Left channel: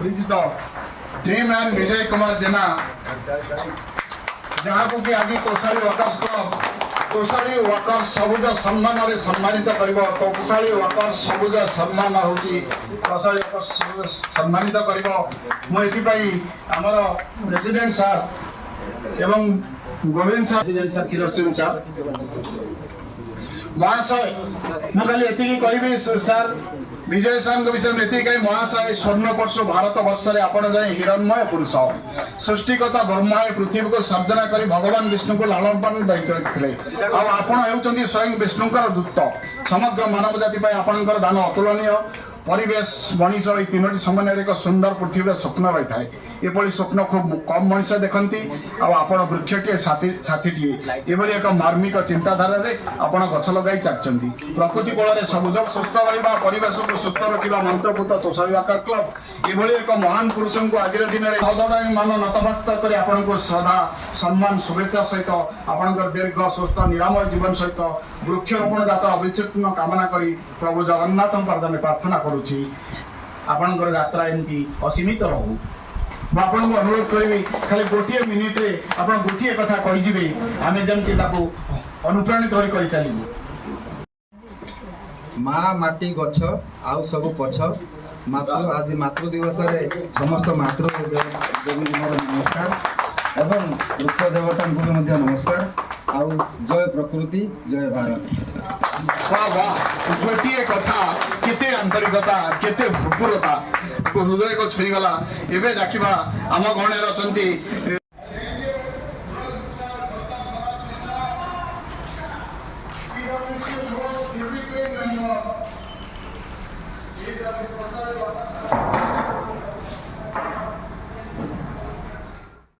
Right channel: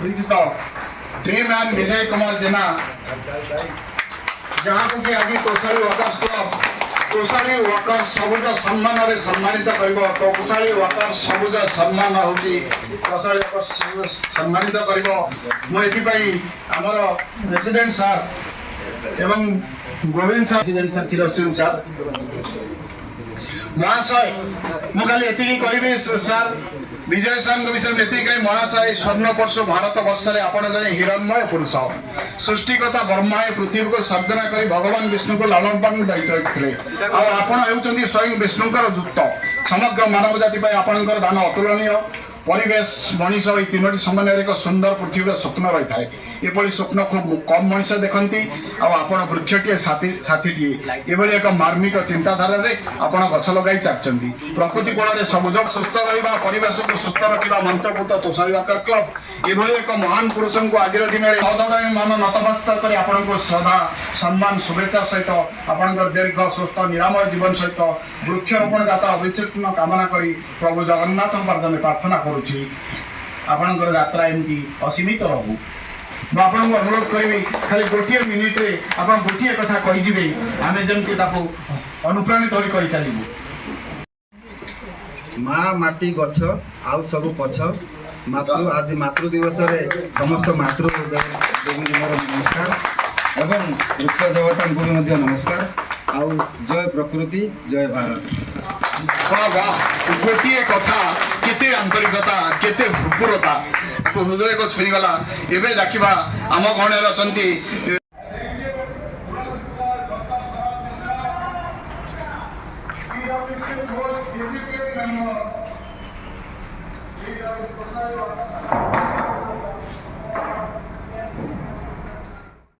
परिचित dream man Vijay Kumar जेना जहाँ को कि आज तोषाली वर्कर्स क्लब तोषाली वर्कर्स सबुज सम्मान रे सम्मानित करिवो तोषाली वर्कर्स सबुज सम्मान होची तोषाली वर्कर्स सबुज सम्मानित करिवो मो एथि पई हमर प्रेसिडेंट सर एवं गोविंद सर प्रेसिडेंट सर किरोचन सर महाशय मु खाली एति कहबी सर विजय सर विषय में एति कहीं महाशय स्वर्णवर्ष भारत वर्ष रे आपण जने हिरणमय पुरुष सृष्टिकर्ता ब्रह्मा पृथ्वी को सर्जना करी भगवान विष्णु को लालन पालन दायित्व देथिले आ आपण हेउचंदी स्वयं विष्णुकर दूत समग्र मानव जाति पय आपणकर दान अतुलनीय परिवेश मनीष ये तीनोटी समय एक सुंदर पृथ्वी स्वप्न रही है ये स्वप्न खूब कम मनीष देखती आपण वृक्षटीए छातीटीए ये एक मार्मिक चिंताधारा आप गछ लगे चाहती प्रकृति कोल सबुज सुस्थ रहा परिवेश को सुस्थ रखा मंत्रपुत तोषाली वर्कर्स क्लब ये एक महान पुरुष को आज दिन में सदय मान नतमस्त कर आपको श्रद्धा सम्मान शुभेच्छा सहित आप दीर्घ सुस्थ निरामय जीवन सहित वृक्षरोपण जाता अविच्छिन्न कामना करी प्रभु जगन्नाथ पादने प्रार्थना करुछि आपनकर यात्रा एमती असीमित रहू मैं आपको अनुरोध करी खाली गोटे मिनिट रे आप गोटे कथा कहीजे आम जमी अनुप्राणित हो कर चलू माँ माटी गछ आउ सब पछ मातृ आज मातृ दिवस रे समस्त मातृ देवी मोर नमस्कार एवं वृक्ष देवता को भी नमस्कार आउ जय प्रकृति जय भारत गोटे कथा केते आंतरिकता केते भूपुरता हृदय को छुईगला एवं देखा आम गणे अच्छा